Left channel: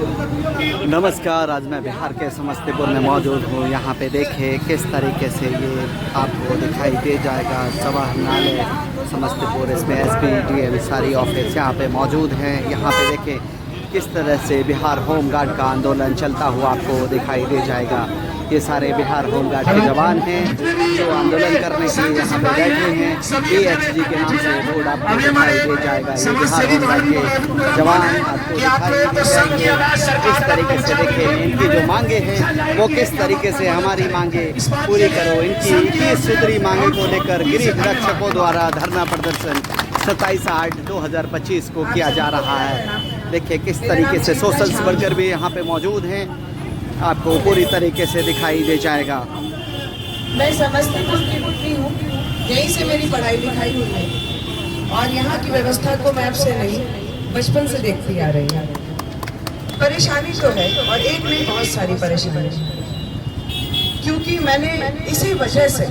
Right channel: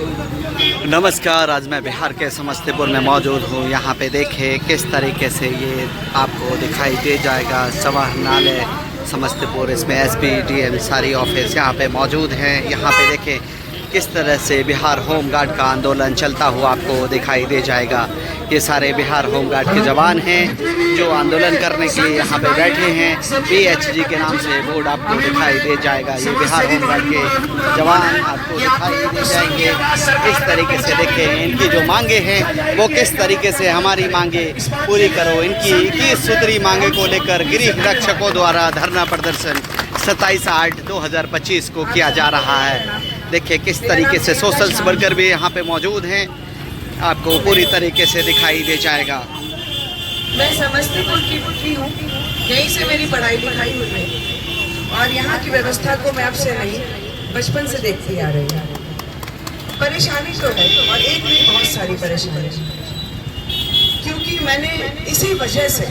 नमस्कार, आज मैं बिहार के समस्तीपुर में मौजूद हूँ। यहाँ पे देखें किस तरीके से ये आपको दिखाई दे जाएगा समाहरणालय समस्तीपुर। इसमें एसपी डीएम सारी ऑफिस यहाँ पे मौजूद हैं। यहाँ पे देखें किस तरह से बिहार होमगार्ड का आंदोलन चलता हुआ आपको दिखाई दे जाएगा। ये सारे बिहार होमगार्ड के जवान हैं जो आंदोलन करने के लिए यहाँ पे बैठे हैं। बीएचजी के नाम से बोर्ड आपको दिखाई दे जाएगा। ये बिहार होमगार्ड के जवान आपको दिखाई दे जाएंगे। इस तरीके से देखें इनकी जो मांगे हैं वो किस तरीके से हमारी मांगे पूरी करो। इनकी 21 सूत्री मांगे को लेकर गृह रक्षकों द्वारा धरना प्रदर्शन 27/8/2025 को किया जा रहा है। देखिए किस तरीके से सोशल वर्कर भी यहाँ पे मौजूद हैं, आपको पूरी तरीके से दिखाई दे जाएगा। मैं समस्तीपुर की पुत्री हूँ, यहीं से मेरी पढ़ाई लिखाई हुई है और यहाँ की व्यवस्था को मैं आपसे नहीं बचपन से देखती आ रही हूँ। परेशानी तो है और एक भी बहुत सारी परेशानी, क्योंकि मैंने इसी वजह से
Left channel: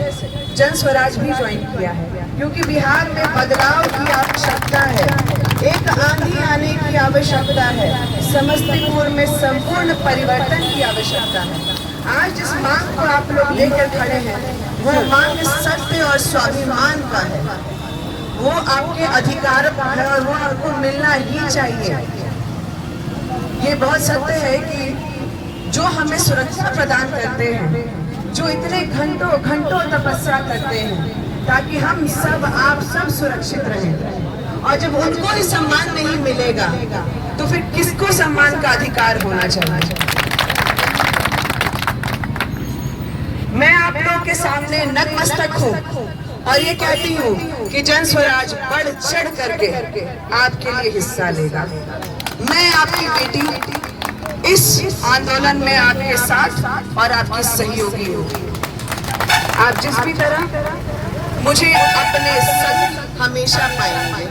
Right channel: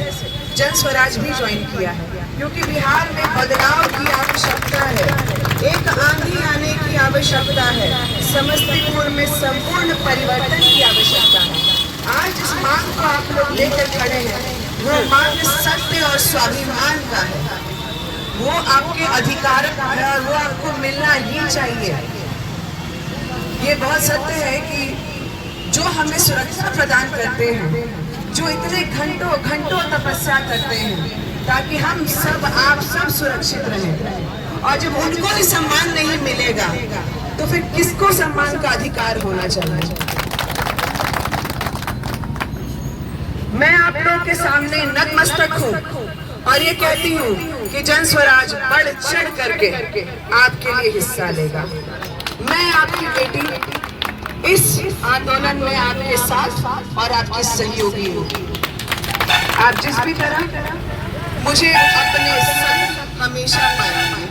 जन स्वराज भी ज्वाइन किया है, क्योंकि बिहार में बदलाव की आवश्यकता है, एक आंधी आने की आवश्यकता है, समस्तीपुर में संपूर्ण परिवर्तन की आवश्यकता है। आज जिस मांग को आप लोग लेकर खड़े हैं वो मांग सत्य और स्वाभिमान का है, वो आपके अधिकार का है और वो आपको मिलना ही चाहिए। ये बहुत सत्य है कि जो हमें सुरक्षा प्रदान करते हैं, जो इतने घंटों घंटों तपस्या करते हैं ताकि हम सब आप सब सुरक्षित रहें, और जब उनको भी सम्मान नहीं मिलेगा तो फिर किसको सम्मान का अधिकार होना चाहिए। मैं आप लोग के सामने नतमस्तक हूँ और ये कहती हूँ कि जन स्वराज बढ़ चढ़ करके आपके लिए हिस्सा लेगा। मैं आपकी बेटी इस आंदोलन में आपके साथ और आपकी सहयोगी हूँ। आप जिस भी तरह मुझे अपने संग हमेशा पाएंगे।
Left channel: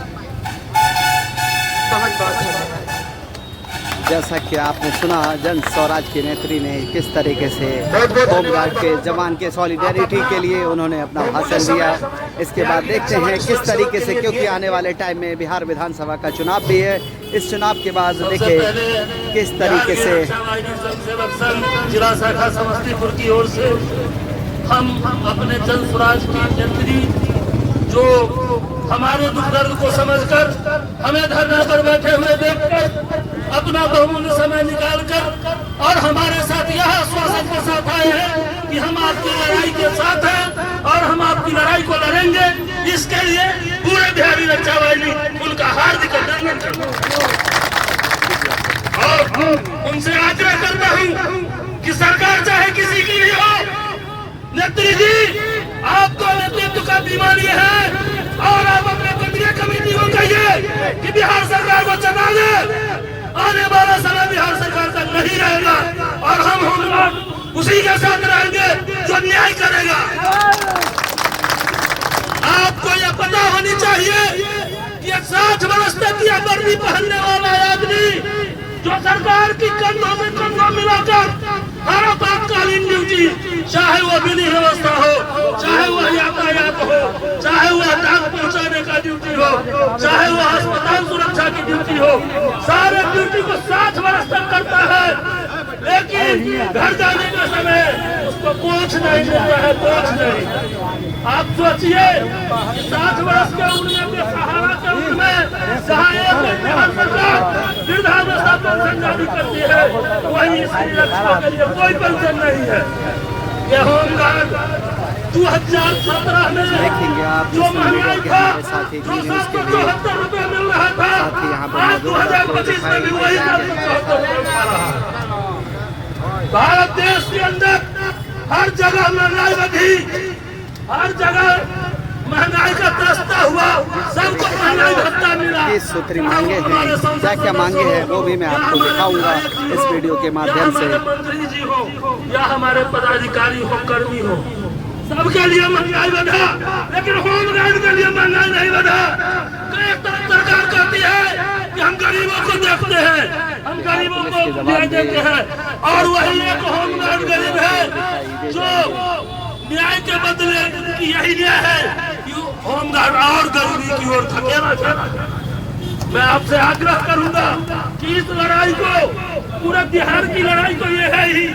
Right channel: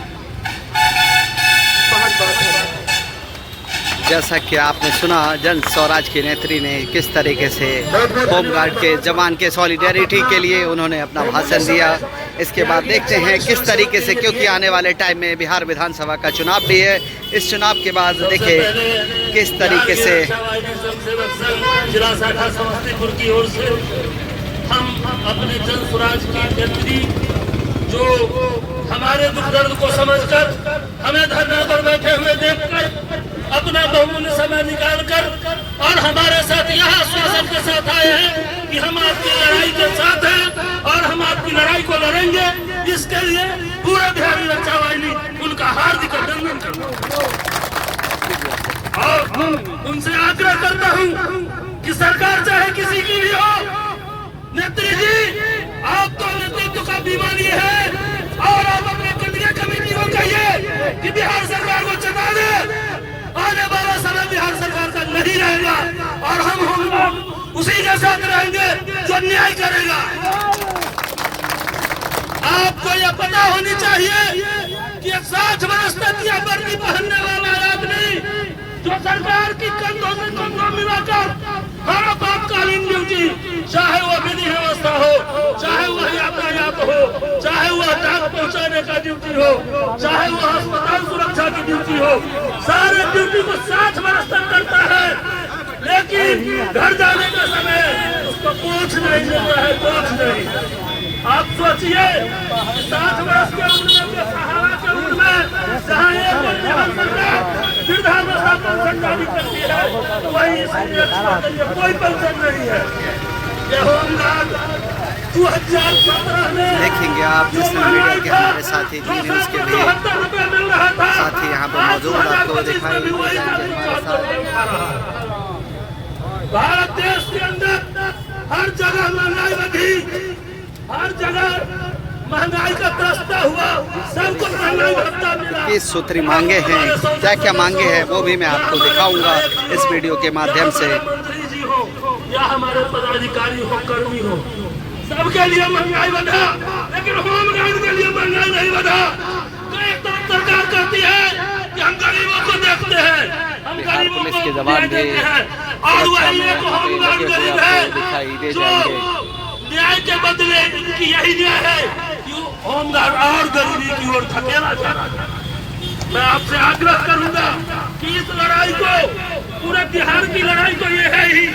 बहुत बहुत धन्यवाद। जैसा कि आपने सुना जन स्वराज की नेत्री ने किस तरीके से होमगार्ड के जवान के सॉलिडेरिटी के लिए उन्होंने अपना भाषण दिया। इसके बाद देखते हैं किस तरीके से, क्योंकि आने वाले टाइम में बिहार विधानसभा का चुनाव भी है। इस चुनाव के बाद देखिए किस तरीके से जिला शाखा समस्तीपुर की ओर से हम अपने जन स्वराज की नेत्री जो हमारे दुख दर्द को समझकर हमें धरना पर बैठे हुए देखकर अपना बहुमूल्य समय निकालकर और हमारे साथ यह आश्वासन के साथ आए हैं कि हम आपकी लड़ाई के साथ हैं और हम आपकी लड़ाई को लड़ेंगे। इसके लिए पूरे बिहारी रक्षा वाहिनी उनका हार्दिक अभिनंदन करता हूं और उनसे आग्रह करता हूं कि सरकार चाहे किसी की भी हो, नेत्री जी आप तो नेतृत्व का बीमारी है और आप अपने केंद्रीय कमेटी को कहिए कि बिहार सरकार को चला दे। आने वाला समय बिहार सरकार का नहीं रहेगा और हम लोग उसी के साथ रहेंगे जो न्याय करेगा। आपको यह पता होनी चाहिए कि 60 वर्ष तक यह वर्दी पहनने वाला आदमी जो सरकार की कंधों में कंधा मिलाकर हर आपातकालीन ड्यूटी, चाहे वो विधि व्यवस्था हो, चाहे वो यातायात हो, चाहे वो डाक पहुंचाने का ड्यूटी हो, चाहे वो अस्पताल सुरक्षा की ड्यूटी हो, सारे ड्यूटी को 60 वर्ष तक करता है, लेकिन घर जाने के समय उसको पूछ नहीं मिलता है, पूछ नहीं। आप सोचिए 60 वर्ष के उम्र में जारी करती है, वही कोई पेंशन नहीं है। ये होमगार्ड 2017 में देखेंगे आप नेशनल मीडिया के हमारे साथी जी न्यूज़ के भी साथी यहाँ पे मौजूद आपको दिखाई दे जाएंगे हमारे साथ। भारत देश के अंदर हर जगह महंगाई बढ़ी, हर जगह महंगाई का दस्ता हुआ, सबको महंगाई भत्ता मिला। 21 सूत्री मांगे हैं, क्या क्या मांगे हैं वो भी मैं आपको दिखाऊंगा इस वीडियो के माध्यम से। मंत्री जी हो या हमारे पदाधिकारी हो, कर्मी हो, सबके लिए महंगाई बढ़ा, लेकिन होमगार्ड के लिए महंगाई नहीं बढ़ा। एक तरफ सरकार कहती है कि हम गरीबों को देखते हैं, हम गरीबों को न्याय देते हैं, और वही एक होमगार्ड गरीब है जो न्याय के बदले इनकी यही न्याय है कि होमगार्ड और गरीबी की ओर धकेला जाना है। मैं आपसे आग्रह करूंगा कि इस लड़ाई को पूरा बिहार की लड़ाई तो ये है ही।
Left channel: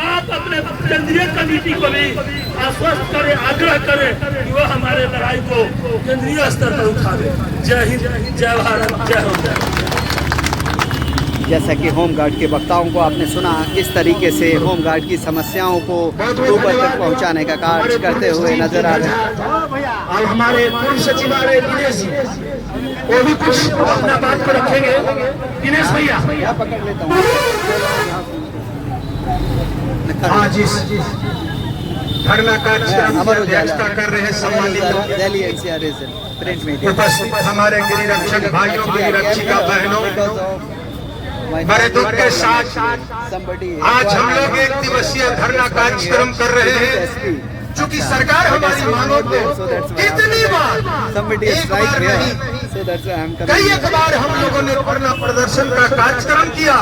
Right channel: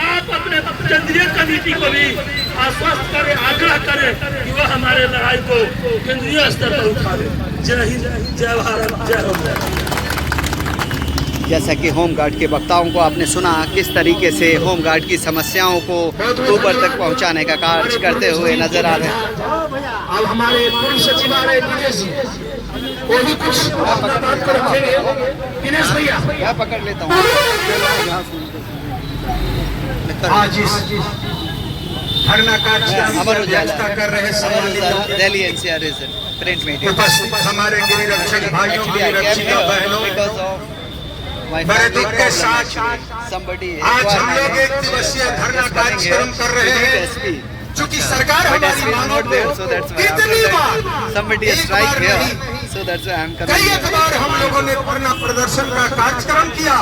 आप अपने केंद्रीय कमेटी को भी आश्वस्त करें, आग्रह करें कि वह हमारे लड़ाई को केंद्रीय स्तर पर उठावे। जय हिंद, जय भारत, जय हो जय। जैसा कि होमगार्ड के वक्ताओं को आपने सुना, किस तरीके से होमगार्ड की समस्याओं को ऊपर तक पहुंचाने का कार्य करते हुए नजर आ रहे हैं। अब हमारे पूर्व सचिवालय दिनेश जी वो भी कुछ अपना बात को रखेंगे। दिनेश भैया मैं पकड़ लेता हूँ। आज इस धरना अमर उजाला कर रहे दिल्ली एनसीआर प्रिंट मीडिया हमारे गिरिरक्षक भाइयों, गिरिरक्षिका बहनों, बड़े दुख के साथ आज हम लोग एक दिवसीय धरना कार्यक्रम कर रहे हैं। चूंकि सरकार हमारी मांगों को कितनी बार कई बार हम लोगों ने धरना प्रदर्शन का कार्यक्रम किया,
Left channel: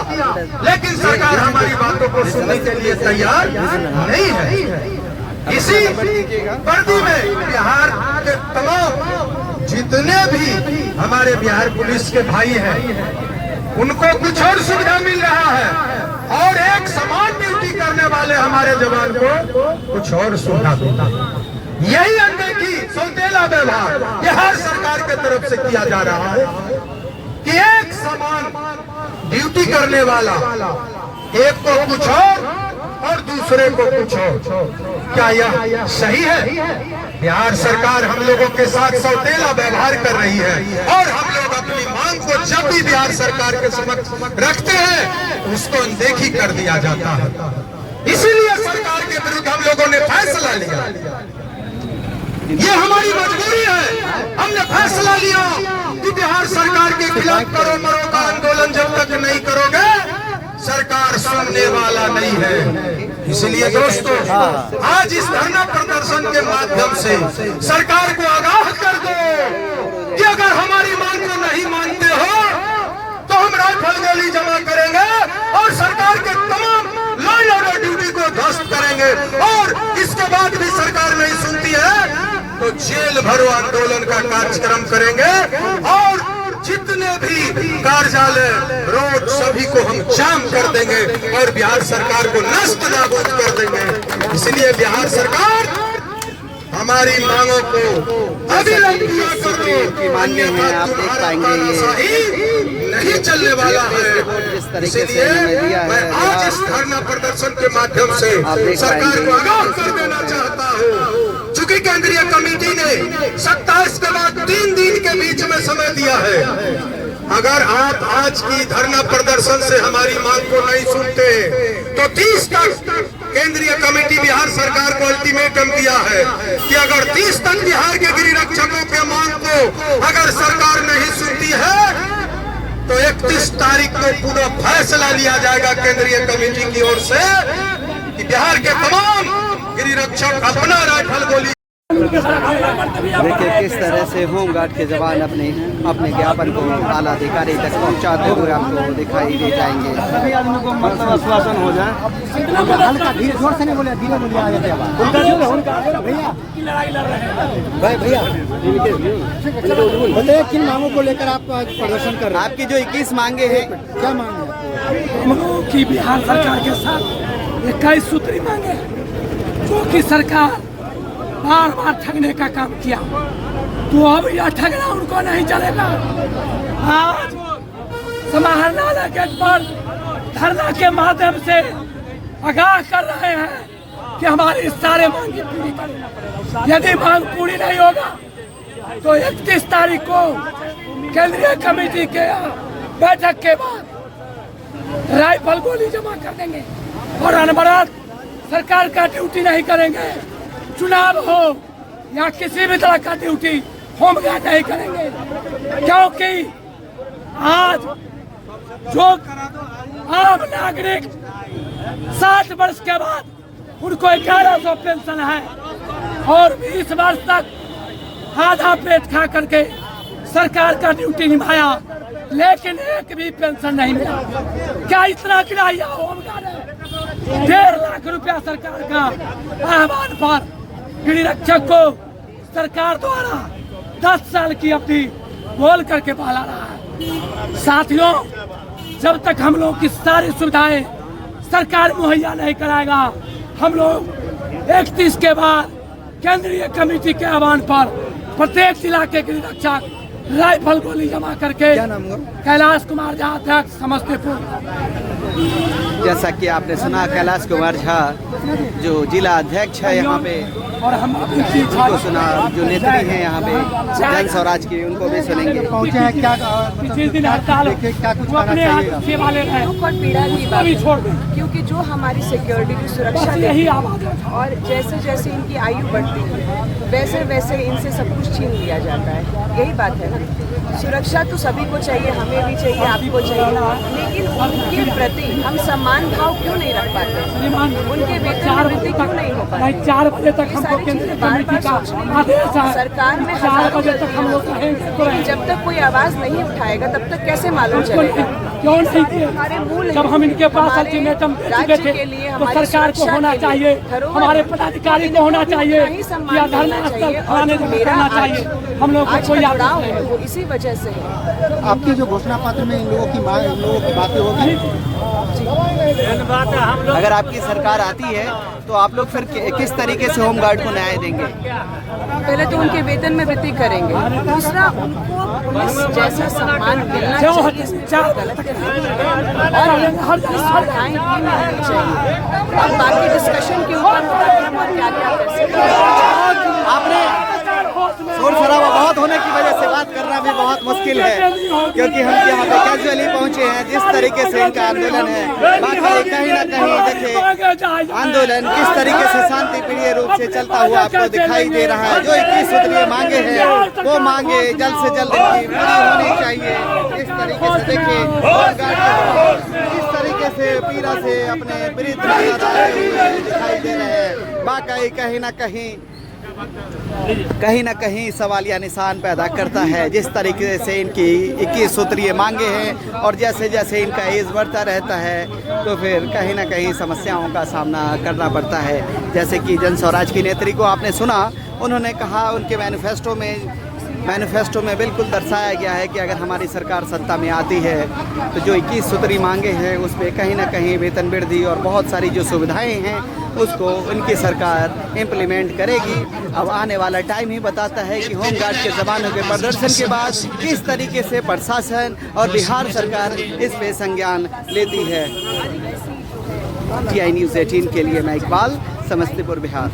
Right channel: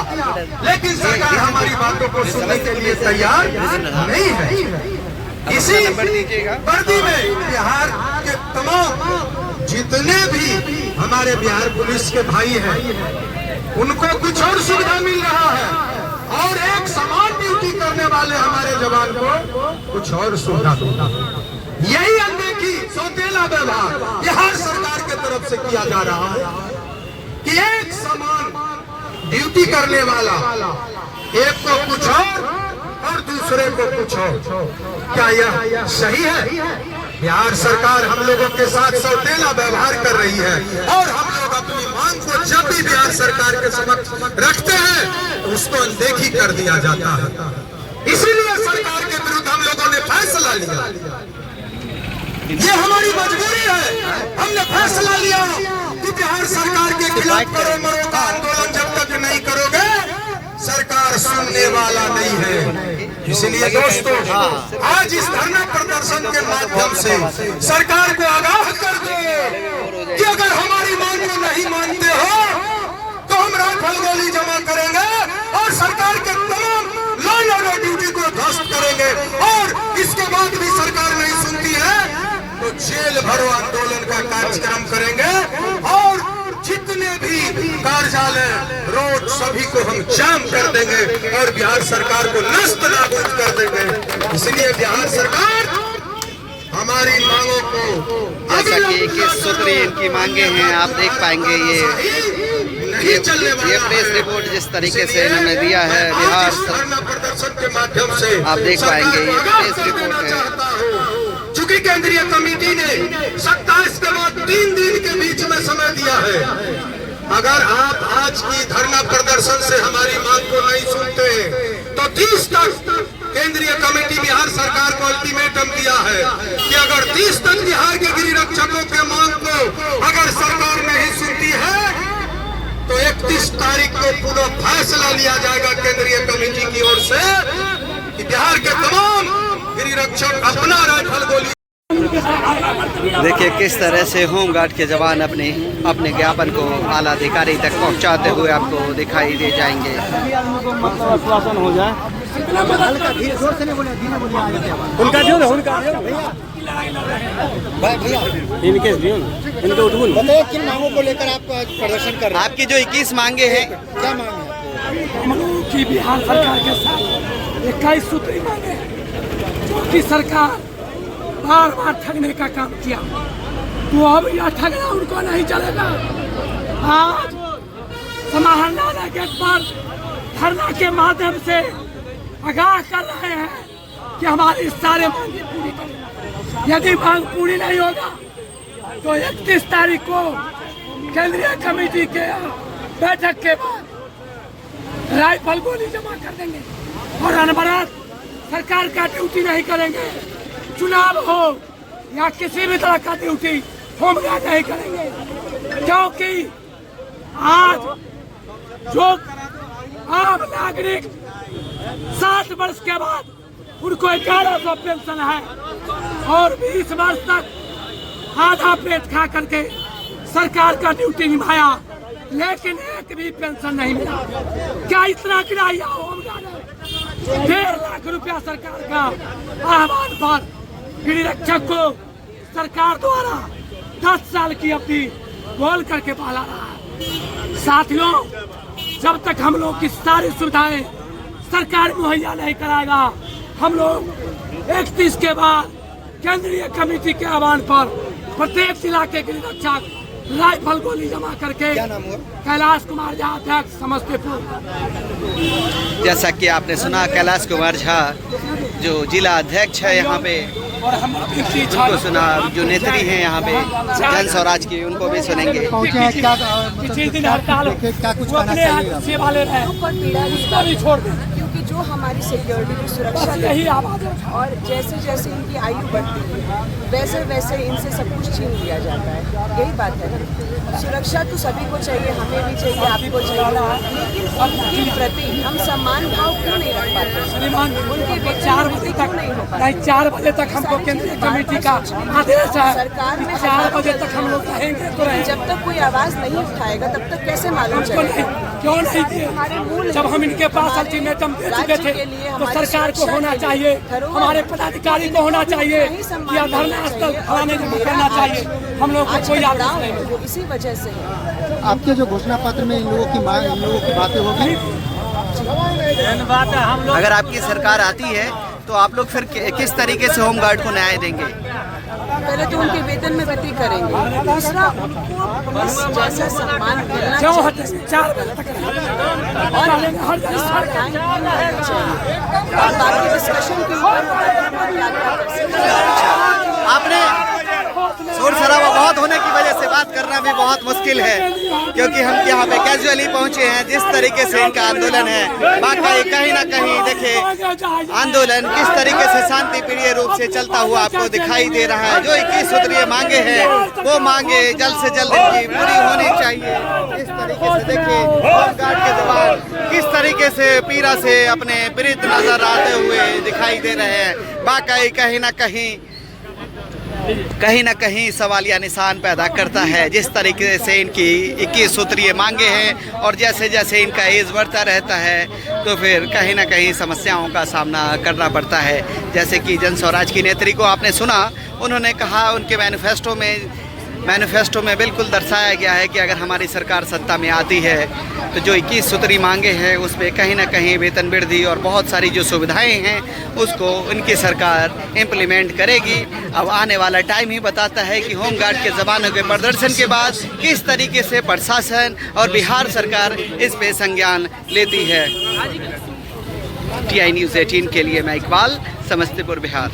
लेकिन सरकार हमारी बातों को सुनने के लिए तैयार नहीं है। इसी वर्दी में बिहार के तमाम जितने भी हमारे बिहार पुलिस के भाई हैं, उनको कुछ और सुविधा मिल रहा है और एक समान ड्यूटी करने वाले हमारे जवान को कुछ और सुविधा मिला। यही अनदेखी, सौतेला व्यवहार बिहार सरकार के तरफ से किया जा रहा है कि एक समान ड्यूटी करने वाला एक को कुछ और दूसरे को कुछ और। क्या यह सही है? बिहार सरकार हम लोगों के साथ सौतेला व्यवहार कर रही है और हम लोग अपनी मांग को जब भी बिहार सरकार के समक्ष रखते हैं उसको अनदेखी कर दिया जाता है। इसीलिए सरकार के विरुद्ध हम लोगों ने फैसला लिया। ये हमारी मजबूरी है। हमने फैसला लिया कि बिहार सरकार के खिलाफ करो मरो का आंदोलन जब तक नहीं करोगे सरकार सुनने वाला नहीं है। इसलिए दोस्तों, आज इस धरना प्रदर्शन के माध्यम से सरकार को आगाह कर दो कि अगर हमारी मांग को नहीं मानते हो तो हम राइफल गोली जमा करेंगे और सरकार के तमाम लॉ एंड ऑर्डर ड्यूटी को ध्वस्त करेंगे। और इसके बाद भी सरकार नहीं सुनती है तो जेल भरो आंदोलन का कार्यक्रम करेंगे और जितने भी कार्यालय, रोड सभी को हम जाम कर देंगे और बिहार सरकार को नष्ट नाबूद कर देंगे। इसलिए बिहार सरकार हमारी मांगों को, जैसा कि 21 सूत्री इनकी मांगे हैं, आप देख पाएंगे ये प्रेस रिपोर्ट जिस तरीके से इन्होंने दिया है बिहार प्रदर्शन के माध्यम से आप देख पाएंगे ये प्रेस रिपोर्ट है। चूंकि केंद्रीय कमेटी ने 27 के बाद 3 दिन के बीच में समय दिया है। अगर आप आज की धरना प्रदर्शन से हमारी मांग को नहीं सुनते तो 30 तक केंद्रीय कमेटी बिहार सरकार को अल्टीमेटम दिया है कि अगर 30 तक बिहार के गिरिरक्षकों के मांग को अगर सरकार नहीं सुनती है तो 31 तारीख को पूरा फैसला लिया जाएगा केंद्रीय कमेटी की ओर से कि बिहार के तमाम गिरिरक्षक अपना राइफल गोली। देखिए किस तरह से होमगार्ड के जवान अपने ज्ञापन को आला अधिकारी तक पहुंचाते हुए आपको दिखाई दे जाएंगे। मतलब आश्वासन हो जाए। भैया बताइए किन मांगों को लेकर आप प्रदर्शन कर रहे हैं? आपकी जो 21 मांगे हैं, क्या मांगे कि बिहार सरकार के साथ 21 सूत्री मांगे जो कि सरकार बार बार ठगने का काम किया, तो अब यह ठगना उनको नहीं चलेगा। आज समाहरणालय गेट पर धरना के माध्यम से आगाह कर रहे हैं कि हमारी सारे मांगे पूरी करें। यदि मांग पूरी नहीं होगा तो 31 तारीख को केंद्रीय कमेटी के बैठक के बाद राइफल गोली जमा कर देंगे और अनवरत सरकार का ड्यूटी नहीं करेंगे। चुनाव हो या किसी भी तरह का ड्यूटी होमगार्ड नहीं करेंगे, क्योंकि आज जो आम नागरिक 60 वर्ष के बाद उनको 1100 पेंशन है और 20 वर्ष तक आधा पेट खा करके सरकार का ड्यूटी निभाया, लेकिन एक भी पेंशन नहीं मिला। क्या इतना गिराया होमगार्ड है? 1.5 लाख रुपया सरकार का आह्वान पर गिरिरक्षक को सरकार द्वारा 10 साल की अवधि बोल करके पाला रहा है। साथियों, जब तक हम लोग की सारी सुविधाएं सरकार मुहैया नहीं कराएगा, हम लोग 31 के बाद केंद्रीय कमेटी के आह्वान पर प्रत्येक इलाके के रक्षक राइफल गोली जमा करके। क्या नाम हुआ? कैलाश कुमार झा, अध्यक्ष समस्तीपुर। जैसा कि आपने सुना, कैलाश कुमार झा जो जिला अध्यक्ष है यहाँ पे, और हम उनको सुना। जो नेत्री हैं यहाँ पे जन स्वराज की, उनको भी सुनेंगे। पहुँचे हैं क्या? पिछले दिन हड़ताल क्या कुछ वो अपने कहना हाथ से वाले हैं, दुख और पीड़ा की उसको बात भी है। छोड़ दें। क्योंकि जो हमारी सिक्योरिटी की सुरक्षा बस देती यही है आवाज है। और जैसे जैसे इनकी आयु बढ़ती है वैसे वैसे इनसे सब कुछ छीन लिया जाता है। यही बात है ना, सुरक्षा तो सभी को चाहिए, हमें भी चाहिए, आपको चाहिए, लेकिन उनके प्रति हम सम्मान भाव क्यों नहीं रख पाते? उनके वेतन 4 वृद्धि क्यों नहीं हो पाती? नहीं, 4 बजे तक हमको केंद्रीय कमेटी का आदेश है। सरकार में 4 बजे तक हम लोग रहेंगे तो लेकिन जब तक कोई आवाज नहीं उठाएगा तब तक कैसे मालूम चलेगा? क्यों नहीं? हमारे मूल जब हम इनके पास हमारे अल्टीमेटम दे चुके राज्य थे के लिए, तो हमारी सरकार को सुरक्षा होना के लिए चाहिए, धरोहर हमारे है। पदाधिकारी तो को होना इनको चाहिए ही सम्मान या मिलना धरना स्थल चाहिए। फलाने और जगह मेरा करना आज चाहिए। हम लोग को आज कोई का आदेश गाँव नहीं है वो इसी वजह से है। आपके जो घोषणा पत्र में इन लोगों की मांग, इन लोगों की बातें होगी? अगर आपकी सरकार आती है तो आप लोग फिर किस तरीके से होमगार्ड को न्याय देंगे? पहले तो उनके वेतन में वृद्धि करेंगे, दूसरा उनको पुलिस जैसा सम्मान मिलना क्यों चाहिए हटे 4 बजे तक और सुविधाएं भी मिलनी चाहिए। अब बाकी डिस्कशन के ऊपर होता है कि हम क्या क्या कर सकते हैं। आपने शोर शराबा बहुत होने की वजह से बात करना भी बहुत मुश्किल है, क्योंकि हम यहाँ पे कैजुअली पहुँचे हैं। जिस तरीके से इनका आंदोलन है, बाकी कहीं ना कहीं देखिए आंदोलन किस तरीके से शांति प्रिय रूप से चलता हुआ आपको दिखाई दे रहा है। जो 21 सूत्रीय मांगे हैं वो मांगे जल्द से जल्द इनकी पूरी होनी चाहिए। इस तरीके से देखिए होमगार्ड के जवान किस तरीके से पीड़ा से अपने विरुद्ध नजर आते हुए दिखाई दे रहे हैं। बाकी कहीं ना कहीं सवालिया निशान पैदा करता है। जिस तरीके से इनकी 21 सूत्रीय मांगे हैं और जैसे जैसे इनका एज बढ़ता रहता है तो फिर कहीं ना कहीं समस्याओं का सामना करना पड़ता है। जैसे कि जन स्वराज की नेत्री को आपने सुना, उन्होंने कहा उनके मैनिफेस्टो में बिल्कुल दर्शाया गया है कि अगर हमारी सरकार सत्ता में आती है तो जो 21 सूत्री मांगे हैं उस पर कहीं ना कहीं वेतन वृद्धि और बहुत सारी जो सुविधाएं हैं उसको उनकी सरकार इम्प्लीमेंट करेगी। अब आने वाला टाइम ही बताता है कि होमगार्ड के जवानों के प्रदर्शन के बाद किस तरीके से प्रशासन और बिहार सरकार इस पे संज्ञान लेती है। TI News 18 के लिए मैं इकबाल, समस्तीपुर, बिहार।